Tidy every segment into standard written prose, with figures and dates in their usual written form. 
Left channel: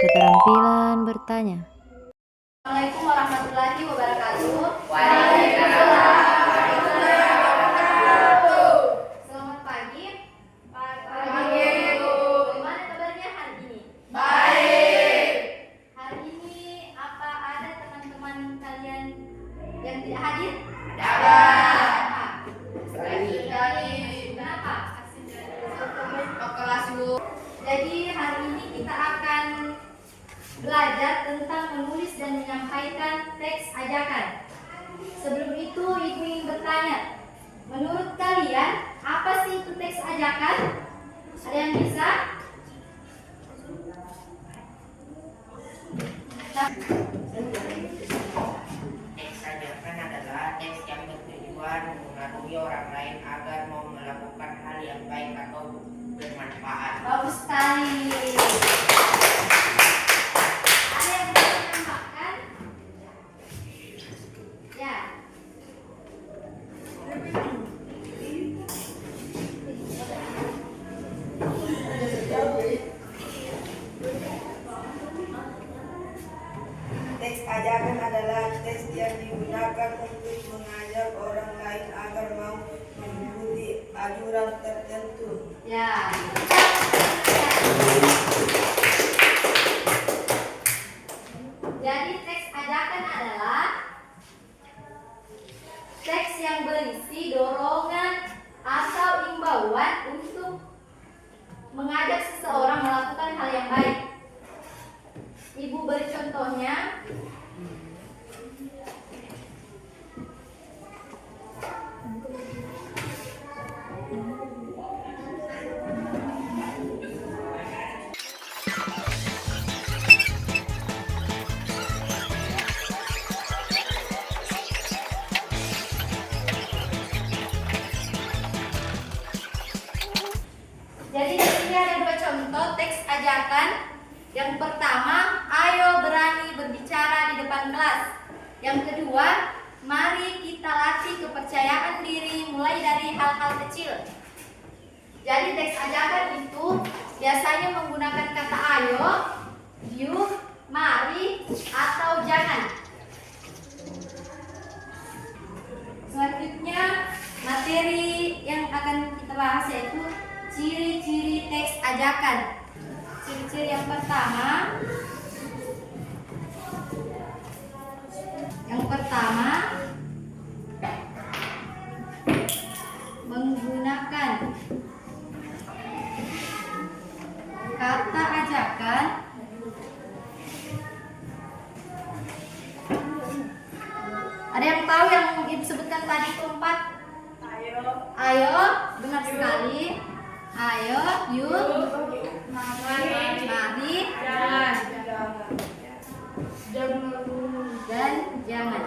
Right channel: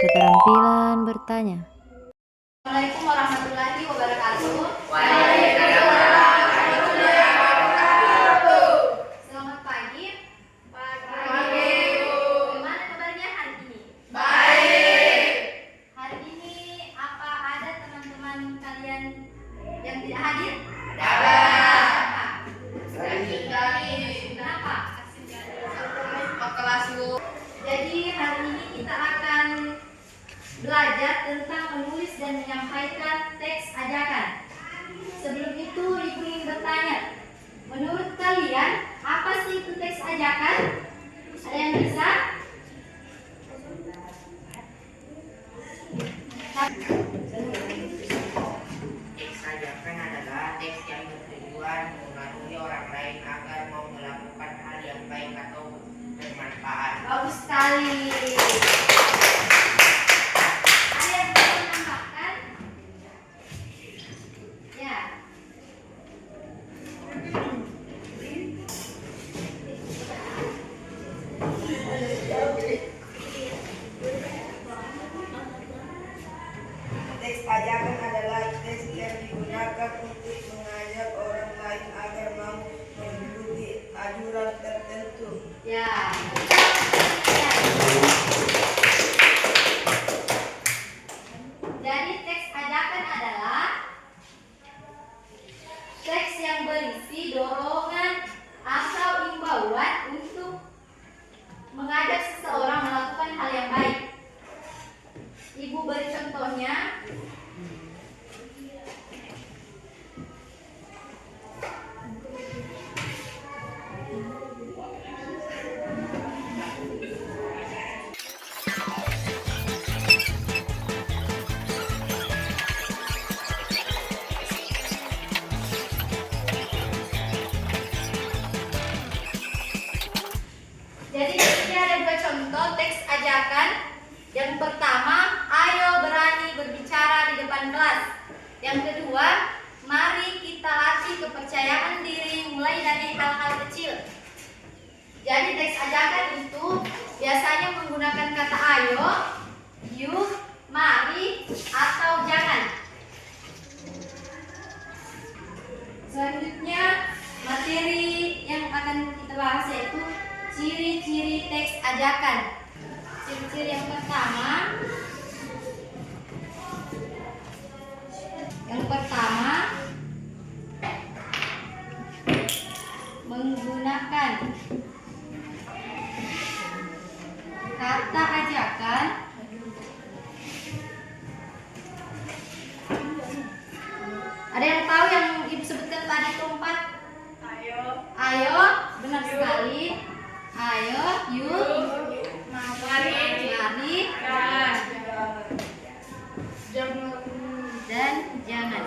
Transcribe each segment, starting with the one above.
Keterampilan bertanya. Assalamualaikum warahmatullahi wabarakatuh. Waalaikumsalam warahmatullahi wabarakatuh. Selamat pagi. Pagi. Bagaimana kabarnya hari ini? Baik. Hari ini apa ada teman-teman kalian yang tidak hadir? Ada. Kenapa? Ke kelas dulu. Jadi hari ini kita akan belajar tentang menulis dan menyampaikan teks ajakan. Sebelum itu, Ibu ingin bertanya, menurut kalian apa sih itu teks ajakan? Ada yang bisa? Teks ajakan adalah teks yang bertujuan mengaruhi orang lain agar mau melakukan hal yang baik atau bermanfaat. Bagus sekali. Ada yang bisa menambahkan? Ya. Teks ajakan adalah teks yang digunakan untuk mengajak orang lain agar mau mengikuti anjuran tertentu. Ya. Jadi teks ajakan adalah teks yang berisi dorongan atau imbauan untuk mengajak seseorang melakukan hal yang baik. Ibu beri contohnya. Jadi di sini ada dua contoh teks ajakan. Yang pertama, ayo berani berbicara di depan kelas. Yang kedua, mari kita latih kepercayaan diri mulai dari hal-hal kecil. Jadi teks ajakan itu biasanya menggunakan kata ayo, yuk, mari, atau jangan. Selanjutnya, materi yang akan kita bahas yaitu ciri-ciri teks ajakan. Ciri-ciri yang pertama, menggunakan kata ajakan ada yang tahu yang Ibu sebutkan tadi keempat? Ayo, benar sekali. Ayo, yuk, mari, dan jangan.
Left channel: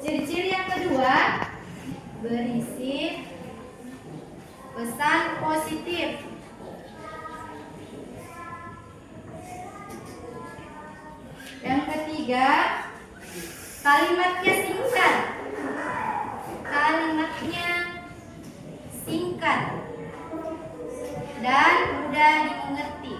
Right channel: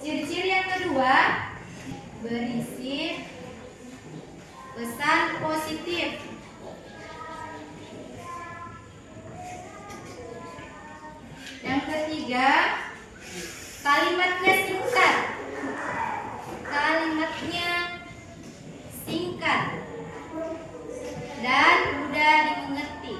Ciri-ciri yang kedua, berisi pesan positif. Yang ketiga, kalimatnya singkat. Dan mudah dimengerti.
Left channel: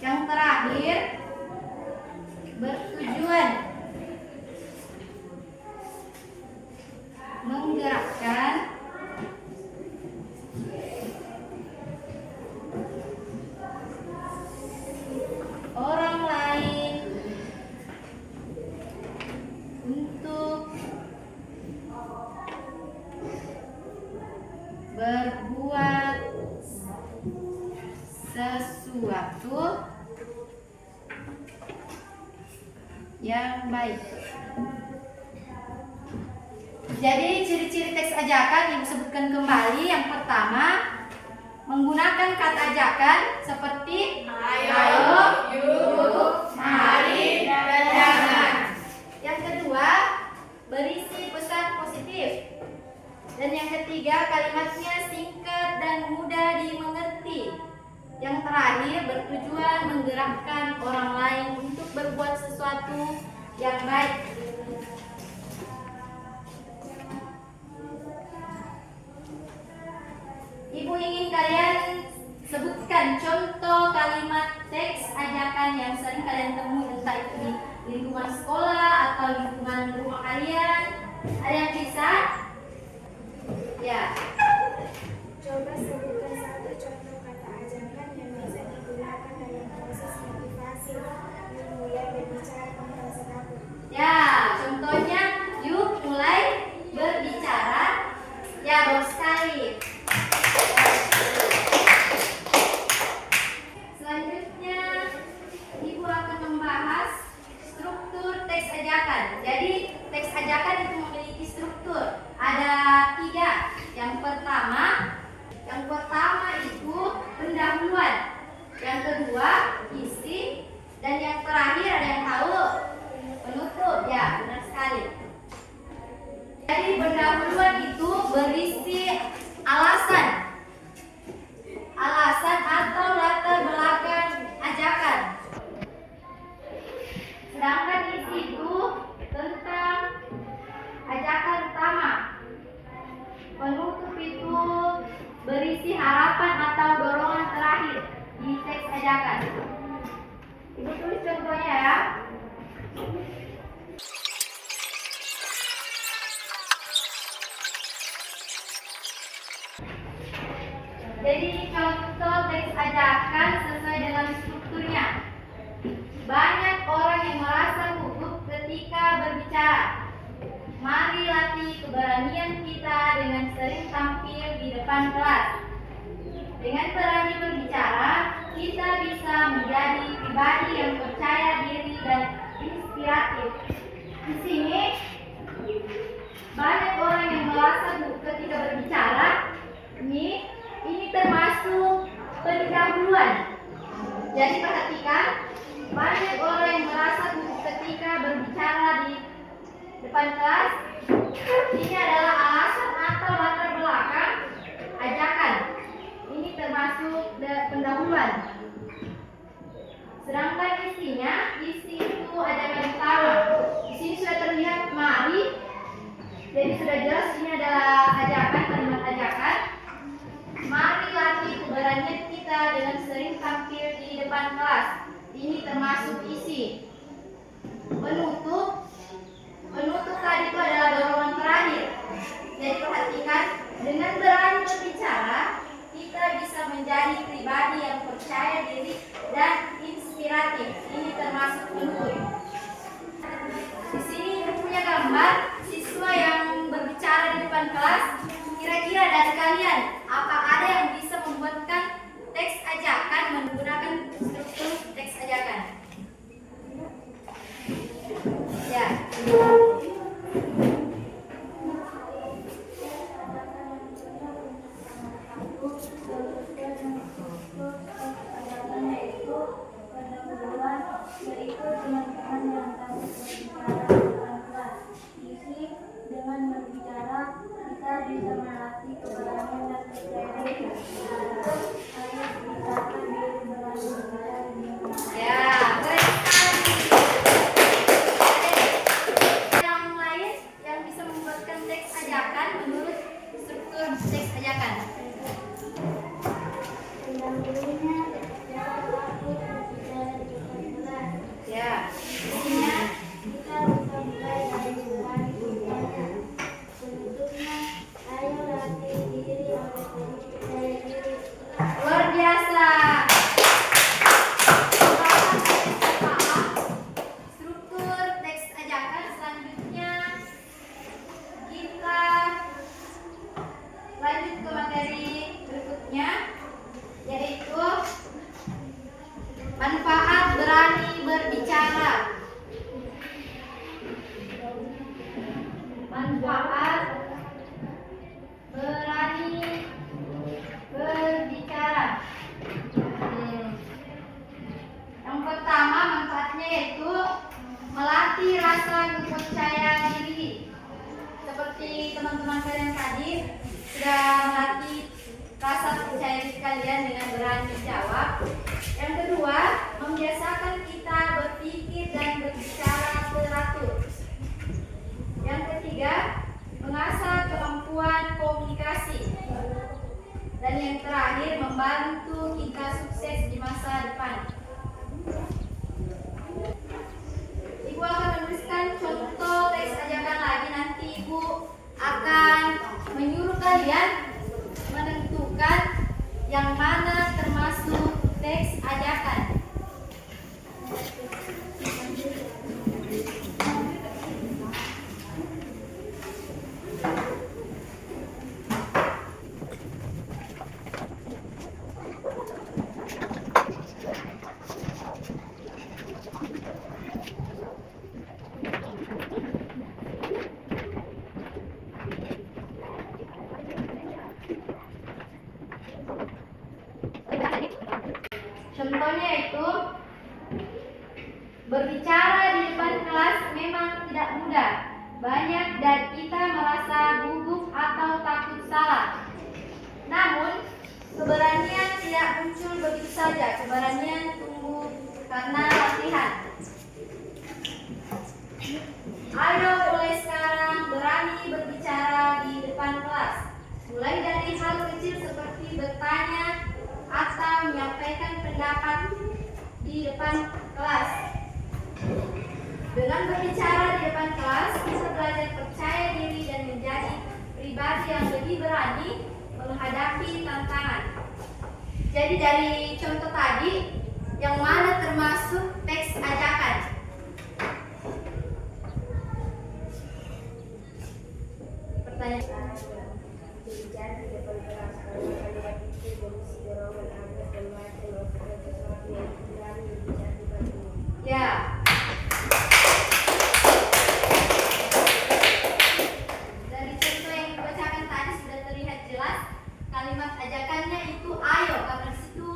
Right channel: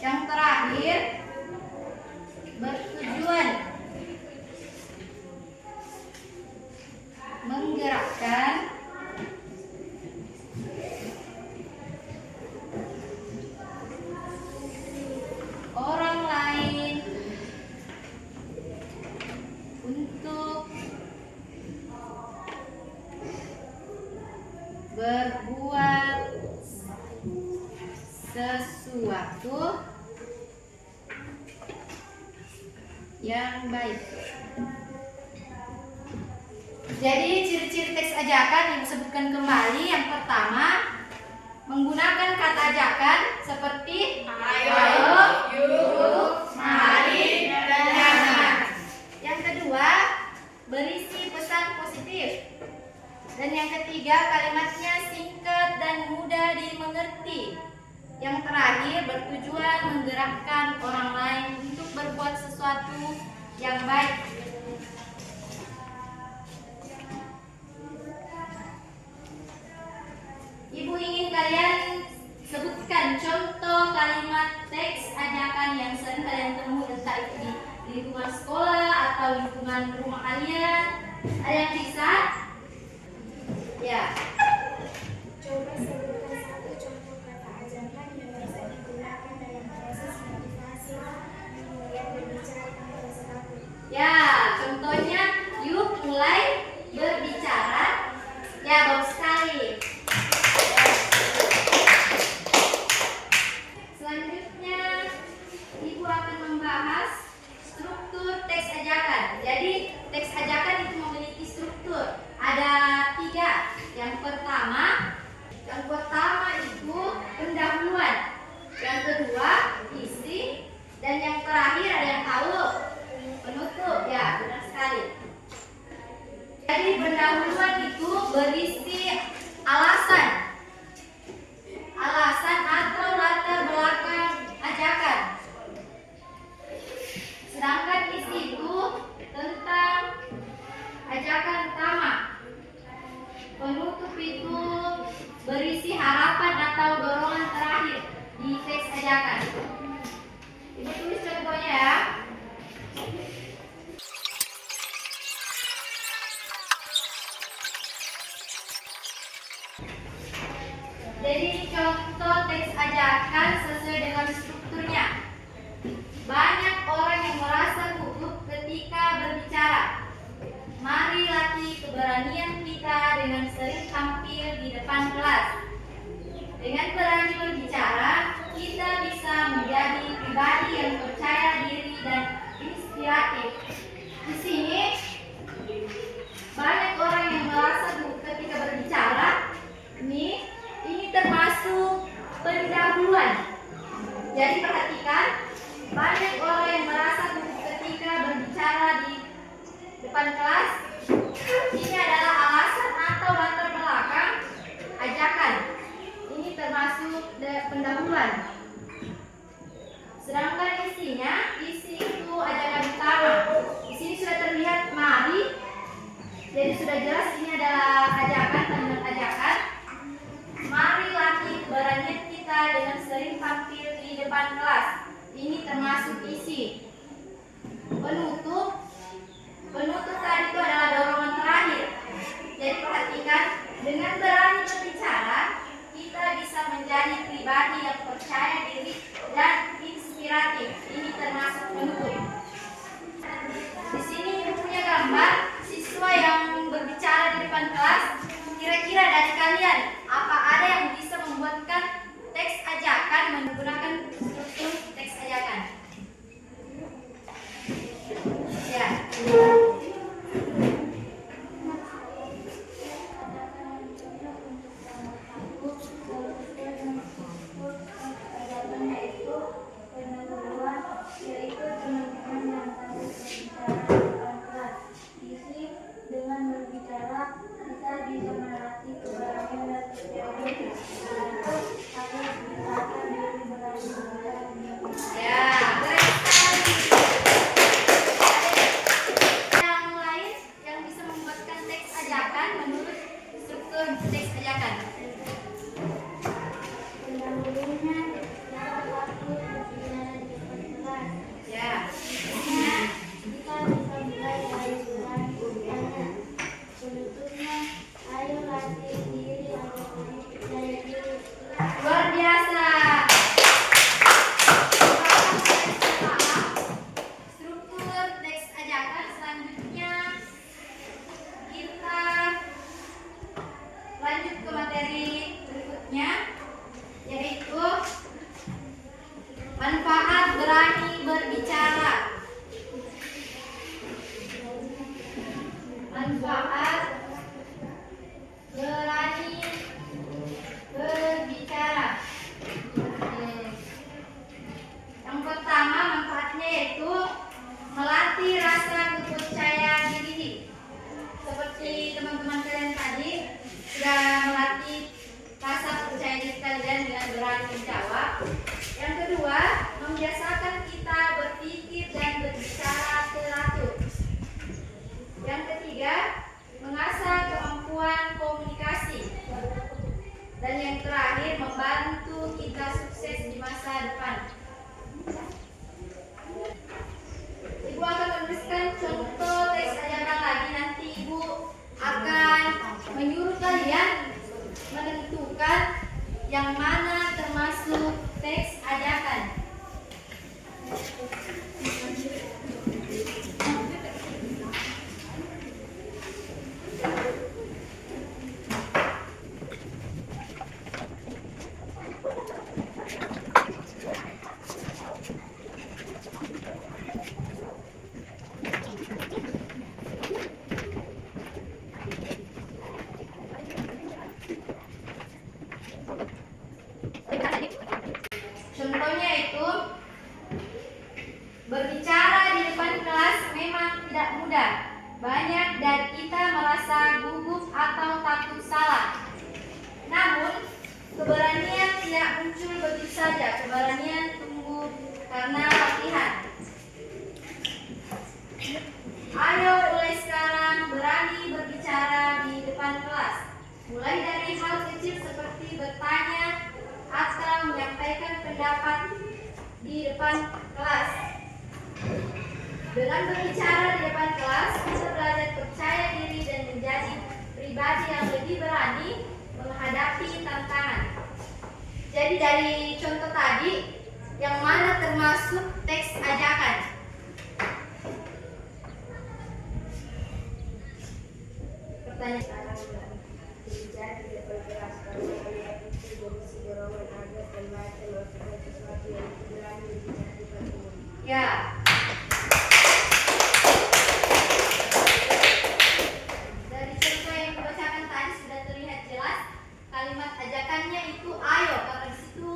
Yang terakhir, bertujuan menggerakkan orang lain untuk berbuat sesuatu yang baik. Jadi ciri-ciri teks ajakan Ibu sebutkan kembali. Yang pertama, menggunakan kata ajakan seperti ayo, yuk, mari, dan jangan. Yang kedua, berisi pesan positif. Dan yang ketiga, kalimatnya singkat dan mudah dimengerti. Yang terakhir, bertujuan menggerakkan orang lain untuk berbuat sesuatu yang baik. entah itu di lingkungan sekolah atau lingkungan rumah kalian. Ada yang bisa? Ya. Coba sebutkan satu contoh kata ajakan yang bisa digunakan dalam proses motivasi mulai berbicara tanpa rasa takut. Ya, contohnya yuk mulai berbicara. Ya, bagus sekali. Selanjutnya, Ibu akan membahas struktur teks ajakan. Jadi, teks ajakan itu memiliki struktur. Ada 3. Yang pertama itu pendahuluan. Yang kedua, isi. Dan yang terakhir ada yang tahu? Penutup. Ya, benar sekali. Jadi pendahuluan itu berisi alasan atau latar belakang ajakan. Sedangkan isi itu tentang ajakan utama. Penutup itu berisi harapan atau dorongan terakhir di teks ajakan. Ibu tulis contohnya ya. Jadi contoh teks ajakan sesuai dengan strukturnya. Banyak orang yang merasa gugup ketika berbicara. Mari latih keberanian kita dengan sering tampil di depan kelas. Dengan berani berbicara, kita bisa menjadi pribadi yang percaya diri dan inspiratif. Di sini banyak orang yang merasa gugup ketika berbicara. Ini termasuk pendahuluan. Jadi perhatikan, banyak orang yang merasa gugup ketika berbicara di depan kelas. Ini adalah alasan atau latar belakang ajakan. Ini termasuk pendahuluan. Sedangkan isi itu ajakan utama. Di sini sudah terlihat mari. Jadi sudah jelas ini adalah ajakan, kalimat ajakan. Mari latih keberanian kita dengan sering tampil di depan kelas. Ini termasuk isi. Penutup tadi itu adalah dorongan terakhir. Jadi perhatikan, dengan berani berbicara, kita bisa menjadi pribadi yang percaya diri dan inspiratif. Ini termasuk penutup. Di sini punya gambar siswa yang berbicara di depan kelas. Kira-kira dari kalian, apa ada yang bisa membuatkan teks ajakan menggunakan struktur teks ajakan? Ya. Dengan berbicara, kita bisa melatih keberanian dan percaya diri. Agar kita diri berani berbicara di Ya, keren sekali. Yang lain yang bisa membuatkan teks ajakan menurut struktur teks ajakan. pendahulunya, kita takut berbicara di depan kelas. Ya, Intinya, kita bisa mulai dari berani berbicara. Penutupnya, ayo latih diri agar lebih percaya diri. luar biasa. Struktur teks ajakan selanjutnya kita lanjut ke materi berikutnya, yaitu manfaat berani berbicara. Manfaat berani berbicara. Yang pertama manfaatnya yaitu melatih rasa kepercayaan diri. Seperti teman-teman kalian tadi sudah melatih rasa percaya diri kalian dengan berani menjawab. Yang kedua, membiasakan kita berpikir dan berbicara teratur. Yang ketiga, mengasah kemampuan komunikasi. Dan yang terakhir, membantu kita sukses di masa depan. yang mana termasuk teks ajakan? Contohnya itu, berbicara di depan kelas memang tidak mudah. Banyak dari kita merasa gugup atau takut salah. Namun, keberanian tidak muncul begitu saja. Keberanian tumbuh karena latihan. Ayo mulai sekarang berani berbicara di depan kelas. Mulai dari hal kecil seperti bertanya atau menyampaikan pendapat di depan kelas. Dengan berbicara di depan kelas, kita belajar percaya diri dan menjadi pribadi yang lebih berani menghadapi tantangan. Jadi dari contoh tadi, yang mana termasuk teks ajakan? Pertanyaan. Ya. Dari contoh yang dibacakan tadi sudah terlihat jelas kalimat ajakannya itu ayo, karena di situ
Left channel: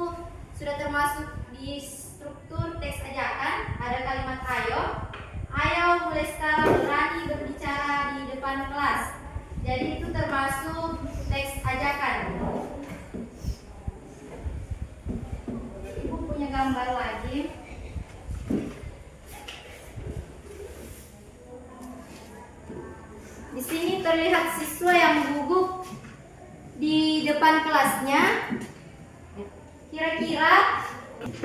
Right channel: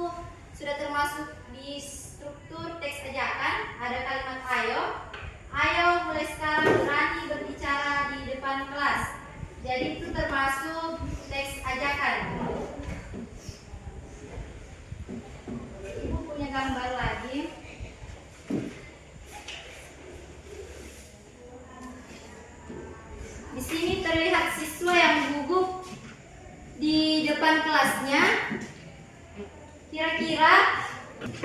sudah termasuk di struktur teks ajakan ada kalimat ayo. Ayo mulai sekarang berani berbicara di depan kelas. Jadi itu termasuk teks ajakan. Ibu punya gambar lagi. Di sini terlihat siswa yang gugup di depan kelasnya. Kira-kira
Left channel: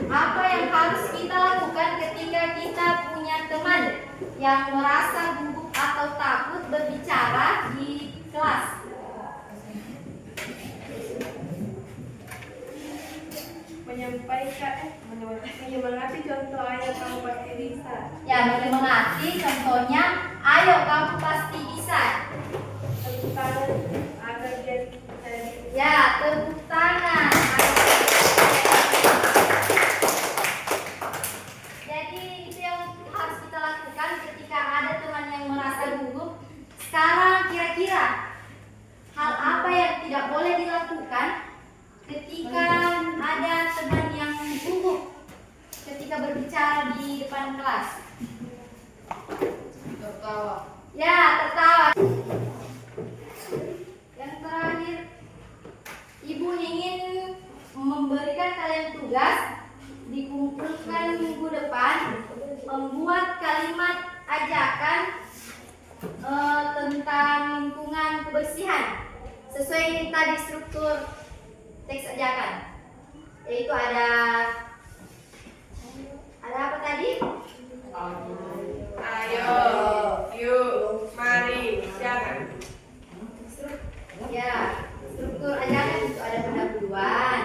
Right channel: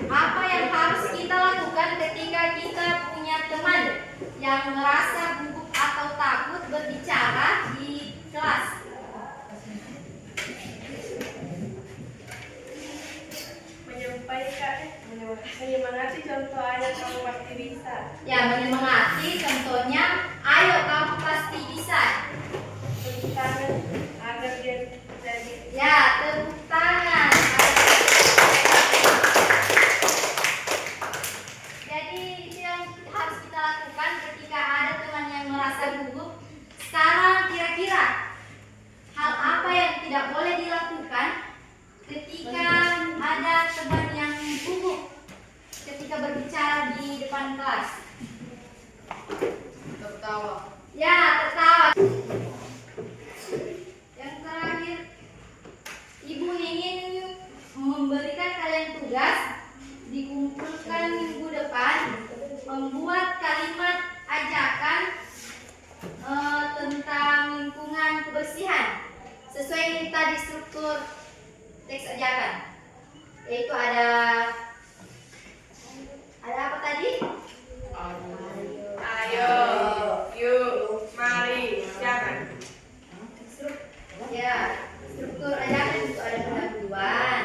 apa yang harus kita lakukan ketika kita punya teman yang merasa gugup atau takut berbicara di kelas? Menyemangati, contoh ayo kamu pasti bisa. Ya, menyemangati contohnya ayo kamu pasti bisa. Tepuk tangan agar dia jadi. Ya, tepuk tangan. Jadi itu yang harus kita lakukan ketika ada teman yang merasa gugup. Sekarang kira-kira hal apa yang tidak boleh dilakukan ketika ada teman yang gugup ketika berbicara di depan kelas? Tertawa. Ya, tertawa. Yang terakhir, Ibu ingin memberikan kalian tugas dikumpulkan minggu depan membuat kalimat ajakan tentang lingkungan kebersihan sesuai dengan tadi struktur teks ajakan, yaitu ada apa tadi? Ayo, yuk, mari, jangan. Ya, struktur ajakan itu ada pendahuluan,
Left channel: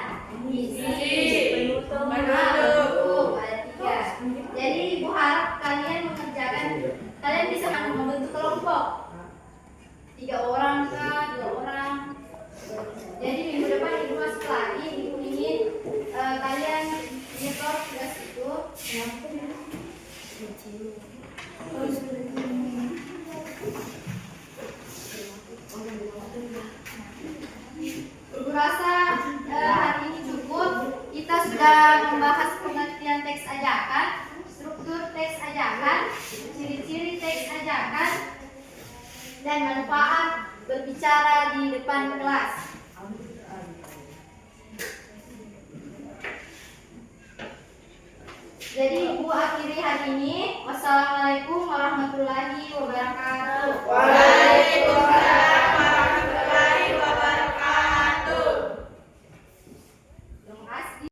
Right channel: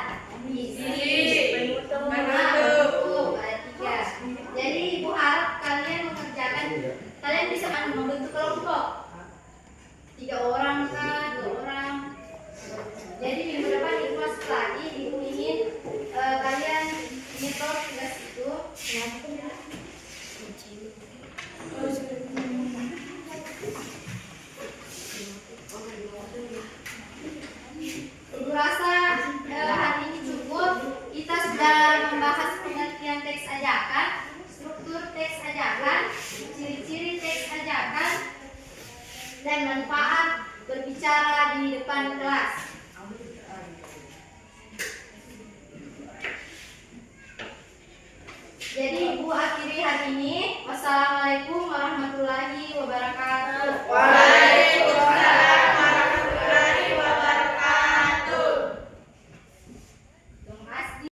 isi, penutup, ada 3. Jadi Ibu harap kalian mengerjakan, kalian bisa membentuk kelompok 3 orang kah, 2 orang. Jadi minggu depan Ibu masuk lagi, Ibu ingin kalian nyetor tugas itu. Ibu rasa hari ini cukup. Kita sudah membahas pengertian teks ajakan, struktur teks ajakan, ciri-ciri teks ajakan, dan manfaat berbicara di depan kelas. Jadi Ibu akhiri hari ini. Wassalamualaikum warahmatullahi wabarakatuh.